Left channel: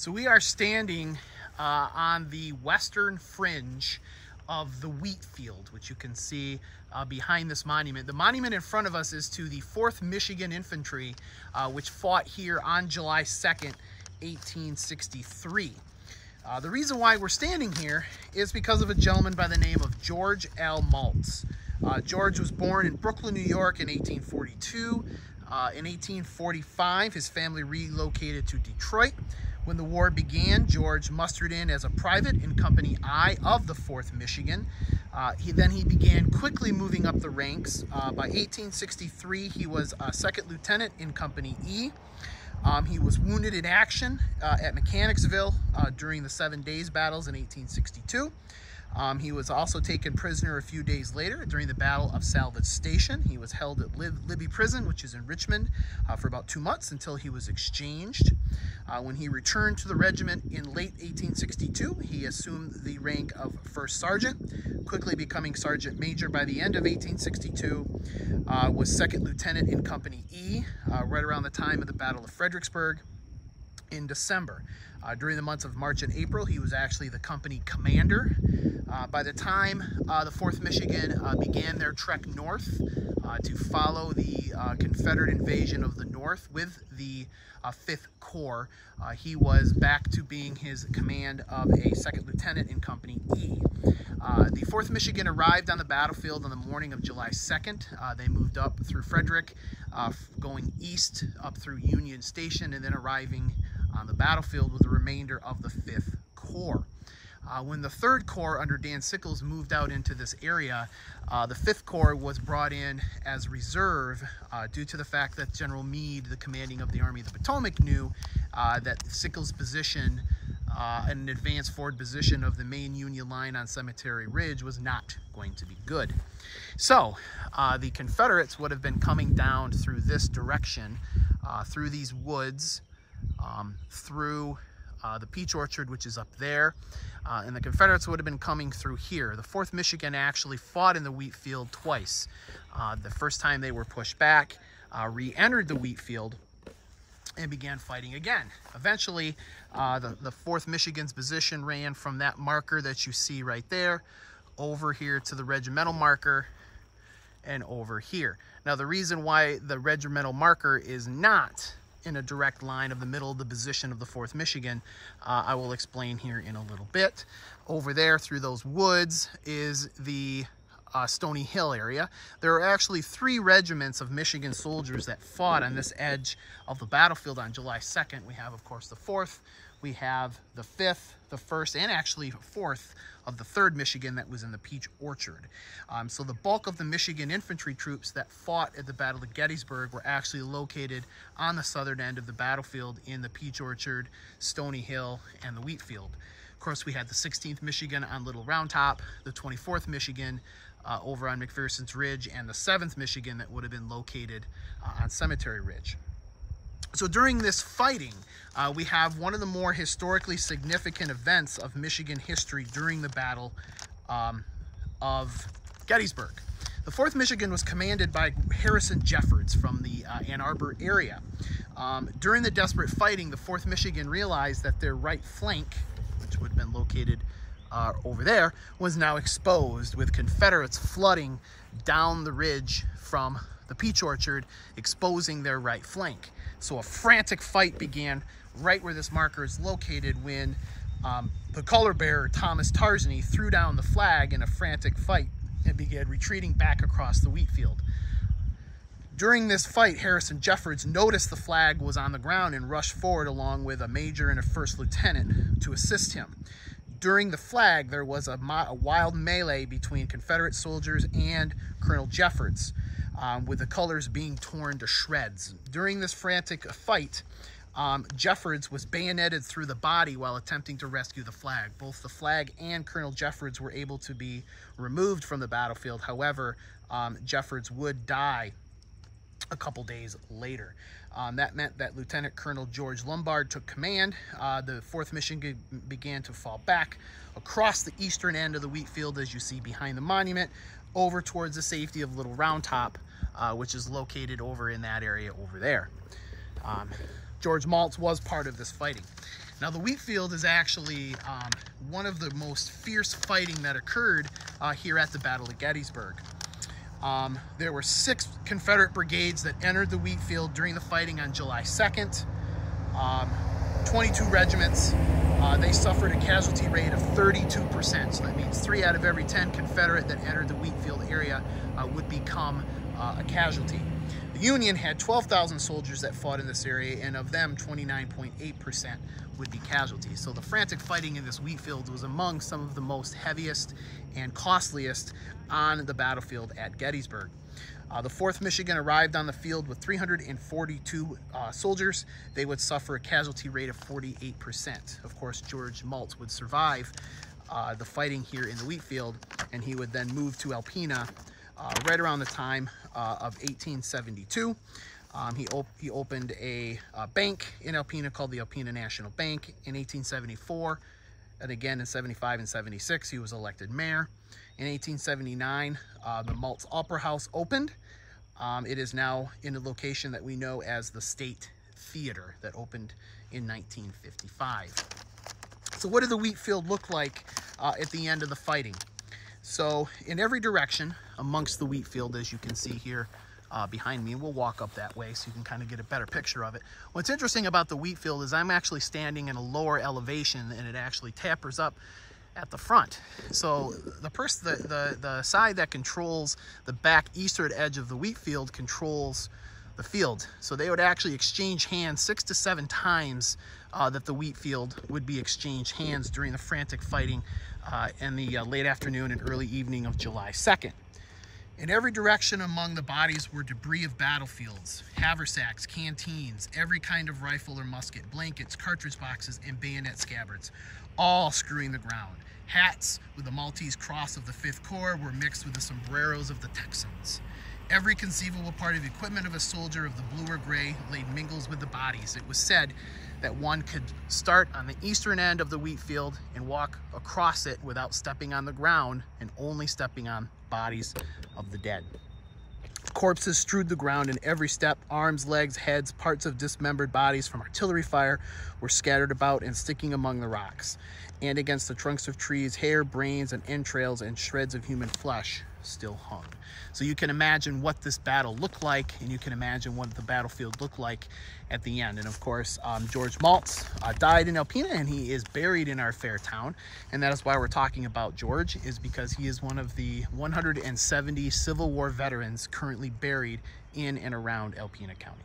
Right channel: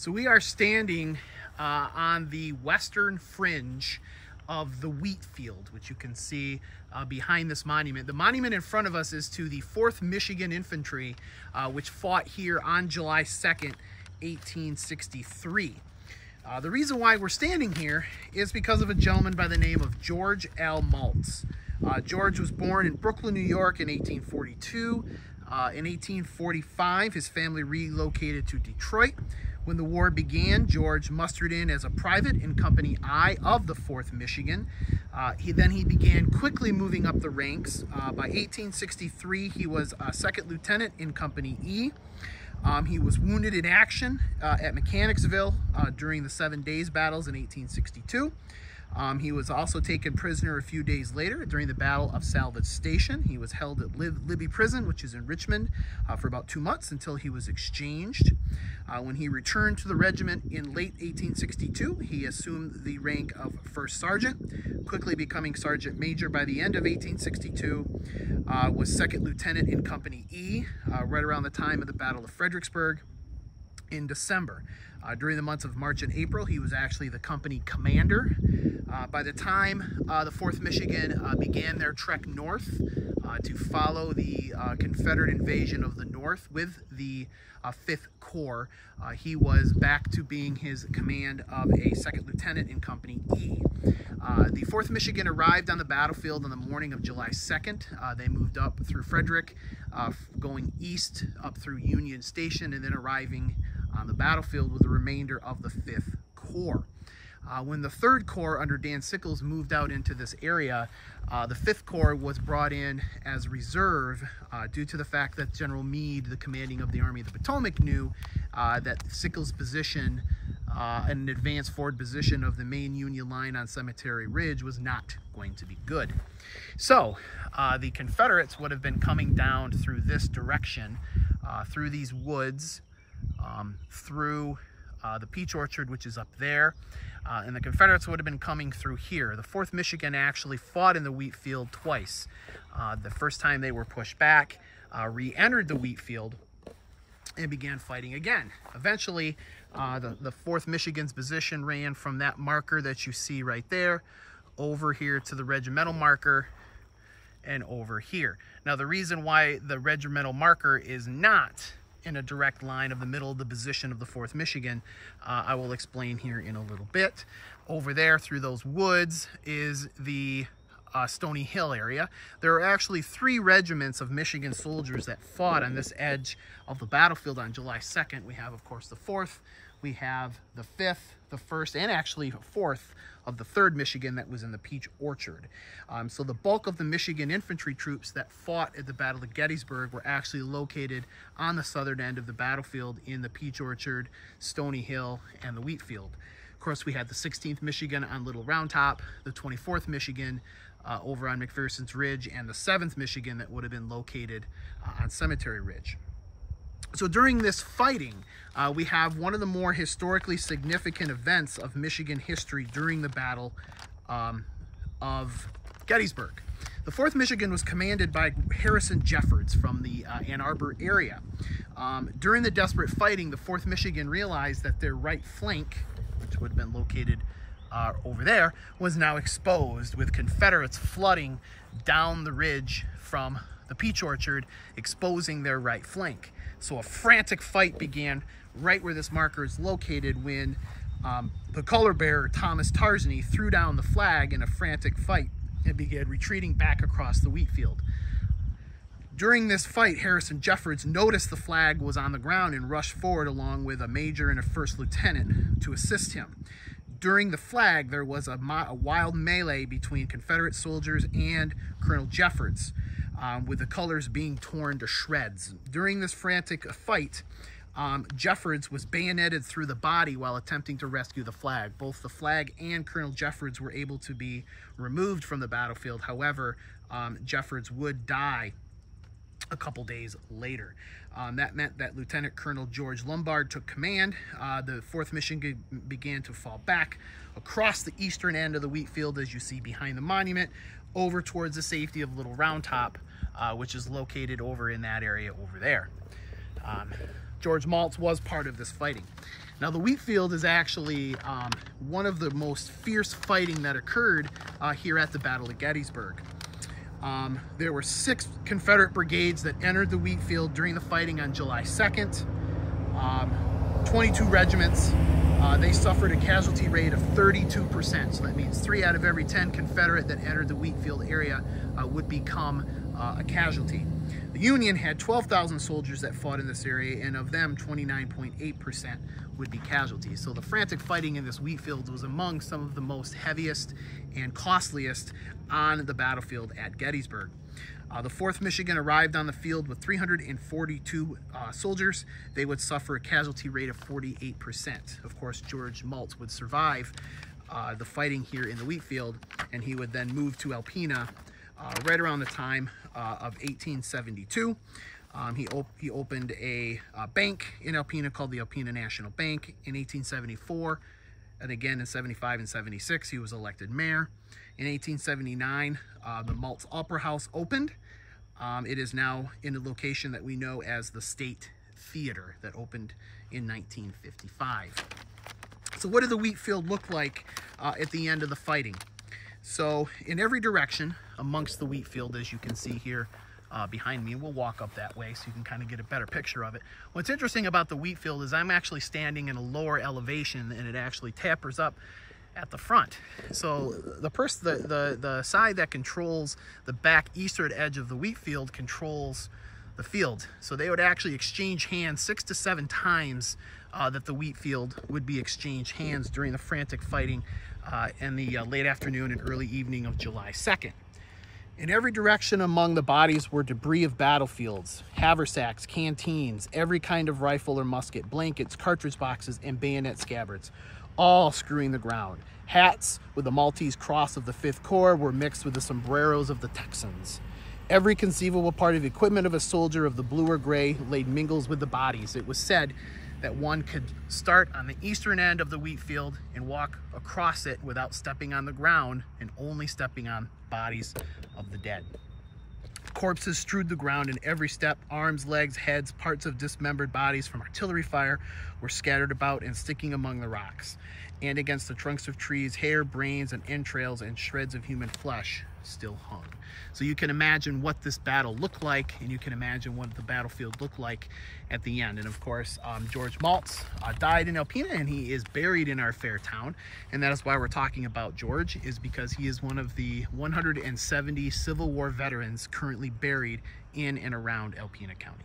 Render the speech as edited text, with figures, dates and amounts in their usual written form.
So we are standing on the western fringe of the wheat field, which you can see behind this monument. The monument in front of us is to the 4th Michigan Infantry, which fought here on July 2nd, 1863. The reason why we're standing here is because of a gentleman by the name of George L. Maltz. George was born in Brooklyn, New York in 1842. In 1845, his family relocated to Detroit. When the war began, George mustered in as a private in Company I of the 4th Michigan. He began quickly moving up the ranks. By 1863, he was a second lieutenant in Company E. He was wounded in action at Mechanicsville during the 7 Days battles in 1862. He was also taken prisoner a few days later during the Battle of Salvage Station. He was held at Libby Prison, which is in Richmond, for about 2 months until he was exchanged. When he returned to the regiment in late 1862, he assumed the rank of first sergeant, quickly becoming sergeant major by the end of 1862, was second lieutenant in Company E, right around the time of the Battle of Fredericksburg in December. During the months of March and April, he was actually the company commander. By the time the 4th Michigan began their trek north to follow the Confederate invasion of the North with the 5th Corps, he was back to being his command of a second lieutenant in Company E. The 4th Michigan arrived on the battlefield on the morning of July 2nd. They moved up through Frederick, going east up through Union Station, and then arriving on the battlefield with the remainder of the 5th Corps. When the 3rd Corps under Dan Sickles moved out into this area, the 5th Corps was brought in as reserve due to the fact that General Meade, the commanding of the Army of the Potomac, knew that Sickles' position, an advanced forward position of the main Union line on Cemetery Ridge, was not going to be good. So the Confederates would have been coming down through this direction, through these woods, through the peach orchard, which is up there, and the Confederates would have been coming through here. The 4th Michigan actually fought in the wheat field twice. The first time they were pushed back, re-entered the wheat field, and began fighting again. Eventually, the 4th Michigan's position ran from that marker that you see right there over here to the regimental marker and over here. Now, the reason why the regimental marker is not in a direct line of the middle of the position of the 4th Michigan, I will explain here in a little bit. Over there through those woods is the Stony Hill area. There are actually 3 regiments of Michigan soldiers that fought on this edge of the battlefield on July 2nd. We have, of course, the 4th, we have the 5th, the 1st, and actually 4th of the 3rd Michigan that was in the Peach Orchard. So the bulk of the Michigan infantry troops that fought at the Battle of Gettysburg were actually located on the southern end of the battlefield in the Peach Orchard, Stony Hill, and the wheat field. Of course, we had the 16th Michigan on Little Round Top, the 24th Michigan over on McPherson's Ridge, and the 7th Michigan that would have been located on Cemetery Ridge. So during this fighting, we have one of the more historically significant events of Michigan history during the Battle of Gettysburg. The 4th Michigan was commanded by Harrison Jeffords from the Ann Arbor area. During the desperate fighting, the 4th Michigan realized that their right flank, which would have been located over there, was now exposed, with Confederates flooding down the ridge from the Peach Orchard, exposing their right flank. So a frantic fight began right where this marker is located when the color bearer, Thomas Tarzany, threw down the flag in a frantic fight and began retreating back across the wheat field. During this fight, Harrison Jeffords noticed the flag was on the ground and rushed forward along with a major and a 1st lieutenant to assist him. During the flag, there was a wild melee between Confederate soldiers and Colonel Jeffords, with the colors being torn to shreds. During this frantic fight, Jeffords was bayoneted through the body while attempting to rescue the flag. Both the flag and Colonel Jeffords were able to be removed from the battlefield. However, Jeffords would die a couple days later. That meant that Lieutenant Colonel George Lombard took command. The 4th Michigan began to fall back across the eastern end of the wheat field, as you see behind the monument, over towards the safety of Little Round Top, which is located over in that area over there. George Maltz was part of this fighting. Now, the wheat field is actually one of the most fierce fighting that occurred here at the Battle of Gettysburg. There were 6 Confederate brigades that entered the wheat field during the fighting on July 2nd. 22 regiments. They suffered a casualty rate of 32%. So that means 3 out of every 10 Confederate that entered the wheat field area would become a casualty. The Union had 12,000 soldiers that fought in this area, and of them, 29.8% would be casualties. So the frantic fighting in this wheat field was among some of the most heaviest and costliest on the battlefield at Gettysburg. The 4th Michigan arrived on the field with 342 soldiers. They would suffer a casualty rate of 48%. Of course, George Maltz would survive the fighting here in the wheat field, and he would then move to Alpena right around the time of 1872. He opened a bank in Alpena called the Alpena National Bank in 1874, and again in 75 and 76 he was elected mayor. In 1879, the Maltz Opera House opened. It is now in a location that we know as the State Theater that opened in 1955. So what did the wheat field look like at the end of the fighting? So in every direction amongst the wheat field, as you can see here behind me, we'll walk up that way so you can kind of get a better picture of it. What's interesting about the wheat field is I'm actually standing in a lower elevation, and it actually tapers up at the front. So the side that controls the back eastern edge of the wheat field controls the field. So they would actually exchange hands 6 to 7 times that the wheat field would be exchanged hands during the frantic fighting in the late afternoon and early evening of July 2nd. In every direction among the bodies were debris of battlefields, haversacks, canteens, every kind of rifle or musket, blankets, cartridge boxes, and bayonet scabbards, all screwing the ground. Hats with the Maltese cross of the 5th Corps were mixed with the sombreros of the Texans. Every conceivable part of the equipment of a soldier of the blue or gray laid mingles with the bodies. It was said that one could start on the eastern end of the wheat field and walk across it without stepping on the ground and only stepping on bodies of the dead. Corpses strewed the ground in every step. Arms, legs, heads, parts of dismembered bodies from artillery fire were scattered about and sticking among the rocks. And against the trunks of trees, hair, brains, and entrails and shreds of human flesh still hung. So you can imagine what this battle looked like, and you can imagine what the battlefield looked like at the end. And of course, George Maltz died in Alpena, and he is buried in our fair town. And that is why we're talking about George, is because he is one of the 170 Civil War veterans currently buried in and around Alpena County.